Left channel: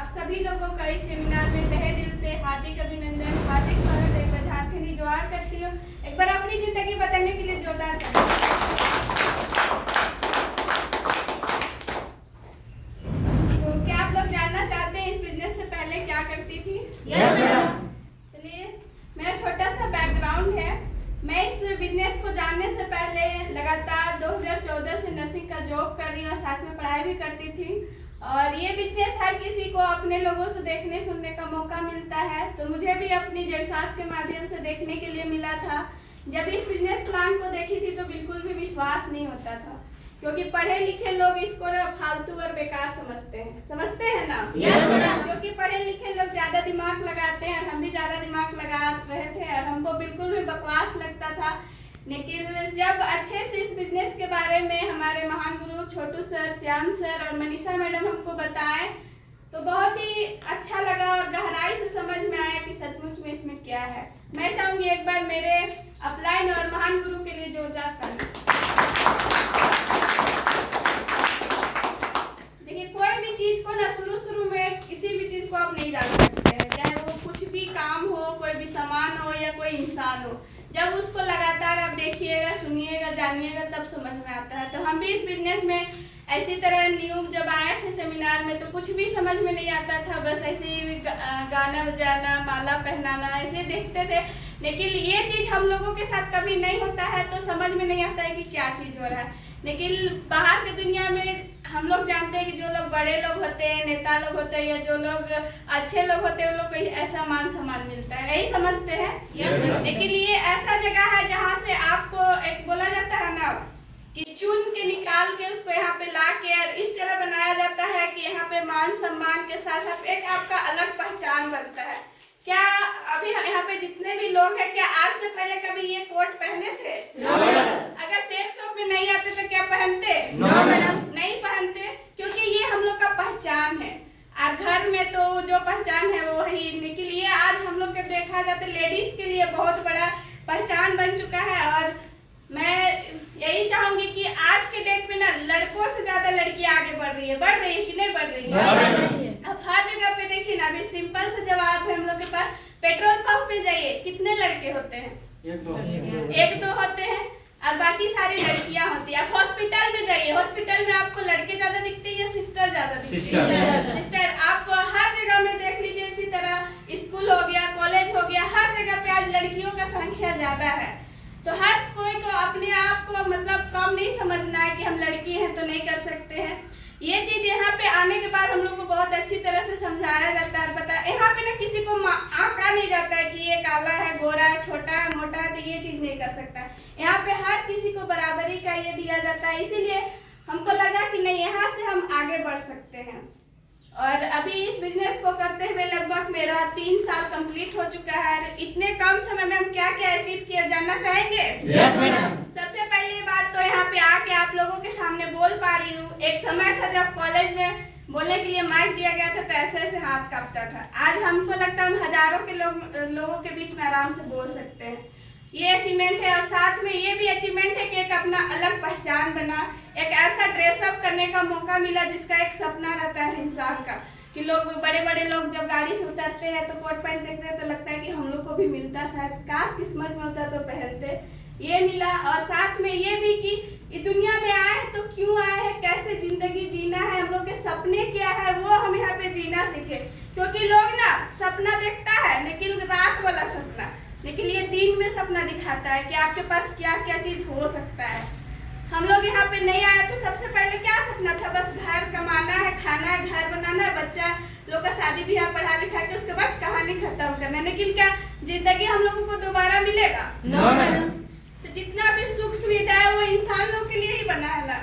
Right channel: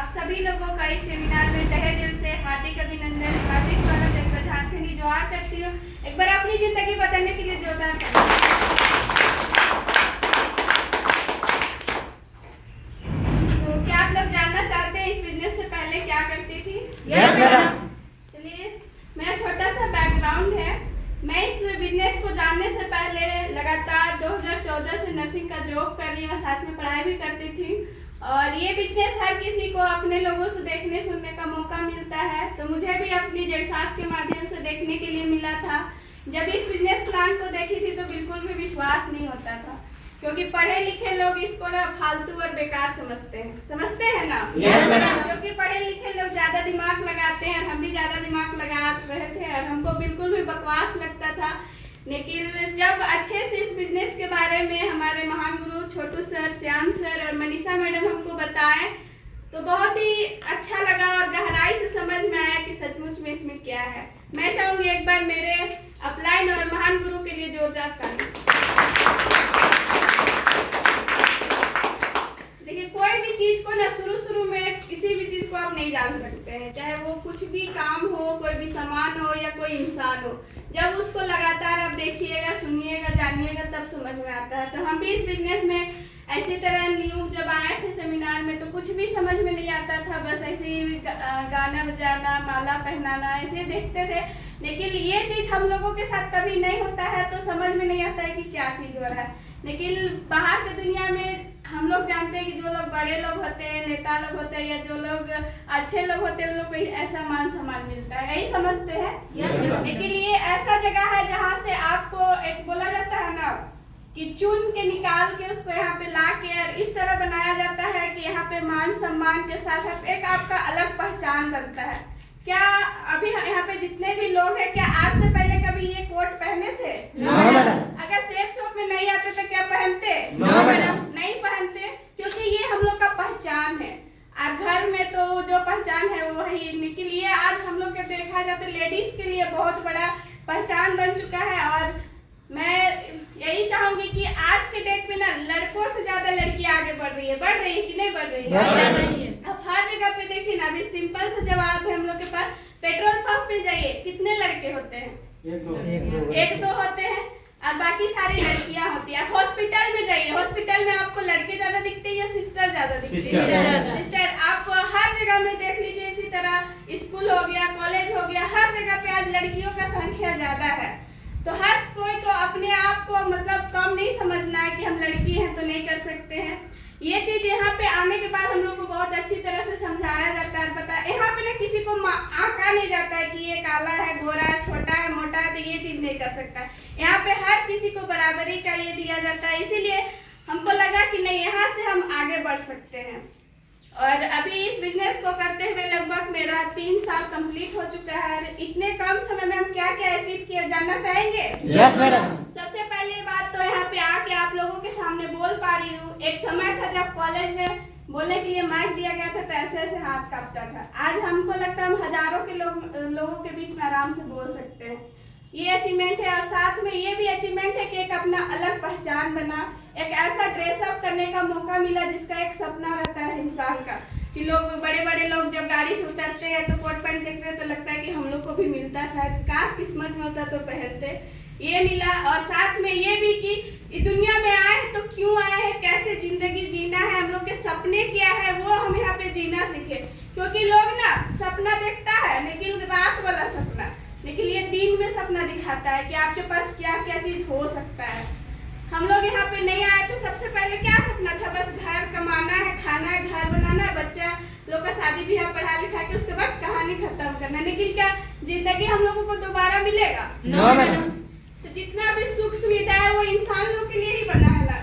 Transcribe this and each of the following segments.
आप सभी लोगों का इस सेमिनार में तहे दिल से हार्दिक अभिनंदन, हार्दिक स्वागत। एक बार झारखंडी जोहार करती हूँ। एक बार अपनी जिंदगी बदलने के लिए जोरदार करती तो क्या आप लोग जानना चाहते हैं इस बिजनेस से पहले क्या करती थी? Yes madam. चलिए, मेरा छोटा सा बैकग्राउंड है। मैं इस बिजनेस को जानने से पहले लगातार 2014 से नर्सिंग का जॉब कर रही हूँ और साथ में पढ़ाई भी करती थी। और ये बिजनेस हर किसी को अपने लोगों से देखने सुनने का मौका मिलता है, तो मुझे भी अपनी जेसास के माध्यम से देखने के लिए मिला था। जब इस बिजनेस प्लान को देखी थी तो बिल्कुल भी विश्वास नहीं होता था, क्योंकि पढ़े लिखे लोग इसको ना फालतू और बेकार समझते हैं ना। क्योंकि पढ़े लिखे लोग ज्यादा दिमाग लगाते हैं, हम भी ज्यादा दिमाग लगा रहे थे और हमको बिल्कुल भी बकवास लगता था। लेकिन जब अच्छे से इस बिजनेस के बारे में हमारे महान गुरु छोटू सर, श्याम सर और मनीषा मैडम हमको बताएं तो बहुत ही अच्छा लगा और गहराई से समझ में आया कि सचमुच में इसमें क्या है। मैं चाहूंगी एक बार मेरे अपलाइन और महान गुरु के लिए जोरदार ताली। देखिए, कोई भी चीज को ना शुरू में किसी भी चीज को आप नहीं जान सकते हैं, चाहे वो कुछ भी काम हो, कोई भी सामान हो या कोई इंसान हो। जब उसको लगातार आप देखिएगा, सुनिएगा, जानिएगा, तब समझ में आता है। तो हम भी इस बिजनेस में ऐसी तरह न्यू जब आए थे सेमिनार में तो कुछ भी समझ में नहीं आता था, बस ऐसे ही गाना बजाना, माला पहनाना ऐसे देखते थे। लेकिन ये चीज़ हम लोगों के साथ कभी नहीं होता है तो समझ में नहीं आता है कि क्या चीज़ हो रहा है। लेकिन बाहर की दुनिया में हम लोग जानते हैं कि जो लोग बड़े लोग होते हैं, नेता लोग होते हैं या जो लोग अच्छे लोग होते हैं, उन लोग को ऐसा मान सम्मान मिलता है, यही समझते हैं। लेकिन ये ऐसा जगह है जहाँ से आपको एक बोला जाता है ना कि चुन के निकाल के उसको यहाँ पे ला के और इस तरह बनाया जाता है कि यहाँ पे मान सम्मान के साथ एक आपका अलग पहचान बनता है। क्या अभी यहाँ पे जितने भी लोग हैं, क्या आज से पहले कभी ये कोट पहने थे? अगर सेक्स शॉप में नहीं आते तो क्या पहनते? नहीं पहनते, क्योंकि ये हम लोग का पहचान है। और घर में तो जो पहचान है वो वही, लेकिन ये आज हम लोग के देखा जाता है लेडीज के लिए बहुत बड़ा पहचान बन चुका है। और मैं यही चाहूंगी कि आज के डेट में ना लड़कों से ज्यादा लड़कियां आगे बढ़ रही है कि नहीं बढ़ रही है? अब हर जगह पे देखिए ना, अभी सिंपल से जवाब है हम लोग के पास। पेट्रोल पंप पे जाइए, कितने लड़के होते हैं? एक दो होते हैं और बाकी सारी लड़कियां होती है। आप हॉस्पिटल में जाइए, हॉस्पिटल में आपको लड़के ज्यादा दिखते हैं या सिस्टर ज्यादा दिखते हैं? सिस्टर। आप हर जगह में देख लीजिए, इसी तरह स्कूल हो गया, कॉलेज हो गया, हर जगह पे आज लड़कियों का संख्या ज्यादा है। तो हर कोई को अपने आप को मतलब कम नहीं समझना है कि हम लड़की हैं तो नहीं कर सकते हैं। ये चीज यहाँ पे आने के बाद हम लोग को बहुत अच्छी तरह से समझाया जाता है, बताया। यहाँ पे ना किसी को आंका नहीं जाता है कि ये काला है, गोरा है, छोटा है, मोटा है, तो ये चीज नहीं कर सकता है। यहाँ पे हर किसी को बराबरी का ये दिया जाता है। इसीलिए हमको लगा कि नहीं, यहाँ से हम आगे बढ़ सकते हैं। और अभी इस बिजनेस को करते हुए लगभग मेरा 3 साल कंप्लीट हो चुका है। इतने कम समय में हम क्या क्या अचीव किया जानना चाहेंगे? Yes madam. सबसे पहली बात तो यहाँ पे आके आप लोगों के सामने बोल पा रही हूँ। एक समय था जब कॉलेज में बोलने के लिए माइक दिया गया था तो ऐसे ऐसे हाथ कांपता था। आज हमको लगता है हम हजारों के लोगों के बीच में आराम से बोल सकते हैं। ये अचीवमेंट है। और साथ में ये भी अचीवमेंट है कि एक अपना अलग पहचान बना, एक ऐसा ड्रेसअप करने का मौका मिला जिसका एक सपना रहता है इंसान का, कि लोग बड़े बड़े लोग जब गाड़ी से उतरते हैं तो कोट पैंट देखते हैं तो लगता है कि हम लोग को भी मिलता, शायद काश किस्मत में होता तो पहनते। ये मिला। और साथ में ये भी कि दुनिया में आए तो क्यों आए हैं, कैसे जिंदगी जीना है, हम लोग के सपने क्या है, वो हम यहाँ पे जीना सीखे। क्योंकि लोग ना सपना देखता है लेकिन रात वाला सपना, लेकिन ये दिन में सपना दिखाता है कि आपके पास क्या क्या चीज हो सकता है। हम लोग यहाँ पे नहीं आए तो सबसे पहले क्या सपना था? बस घर कमाना है, खाना है, घर बनाना है, बच्चा लोग का शादी ब्याह पढ़ा लिखा के उसके बाद कहानी खत्म करना है। लेकिन क्या जिंदगी हम लोगों को दोबारा मिलेगा? तो जितना भी सुख सुविधा है वो इंसान लोग के लिए ही बना है ना।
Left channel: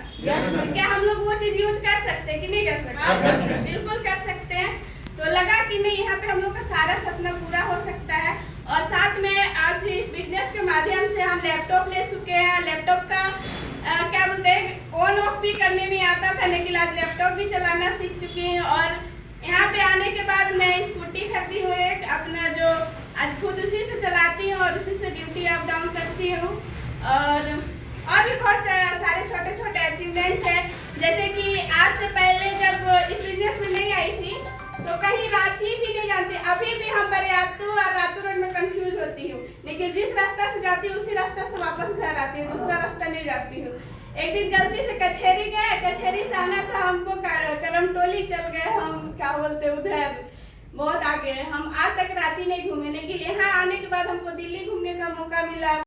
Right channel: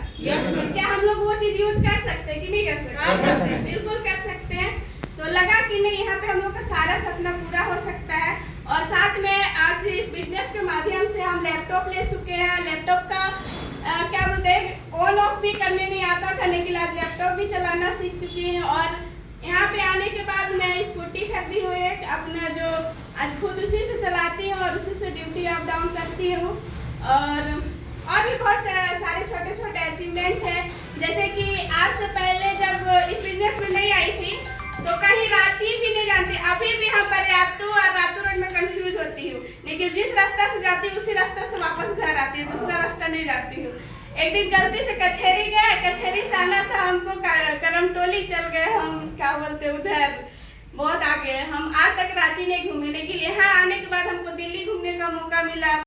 तो क्या हम लोग वो चीज यूज कर सकते हैं कि नहीं कर सकते? बिल्कुल कर सकते हैं। तो लगा कि नहीं, यहाँ पे हम लोग का सारा सपना पूरा हो सकता है। और साथ में आज इस बिजनेस के माध्यम से हम लैपटॉप ले चुके हैं। लैपटॉप का क्या बोलते हैं, ऑन ऑफ भी करने नहीं आता था, लेकिन आज लैपटॉप भी चलाना सीख चुकी हूँ। और यहाँ पे आने के बाद मैं स्कूटी खरीदी हूँ एक अपना, जो आज खुद उसी से चलाती हूँ और उसी से ड्यूटी अप डाउन करती हूँ। और भी बहुत सारे छोटे छोटे अचीवमेंट है, जैसे कि आज से पहले जब इस बिजनेस में नहीं आई थी तो कहीं अभी भी हम बरियातू और रातू रोड में कंफ्यूज होती हूँ, लेकिन जिस रास्ता से जाती हूँ उसी रास्ता से वापस घर आती हूँ, दूसरा रास्ता नहीं जाती हूँ। एक दिन गलती से कचहरी गए, कचहरी से आना था हमको, करमटोली चल गए हम, क्या बोलते उधर बहुत आगे। हम आज तक रांची नहीं घूमे, लेकिन यहाँ आने के बाद हमको दिल्ली घूमने का मौका मिला।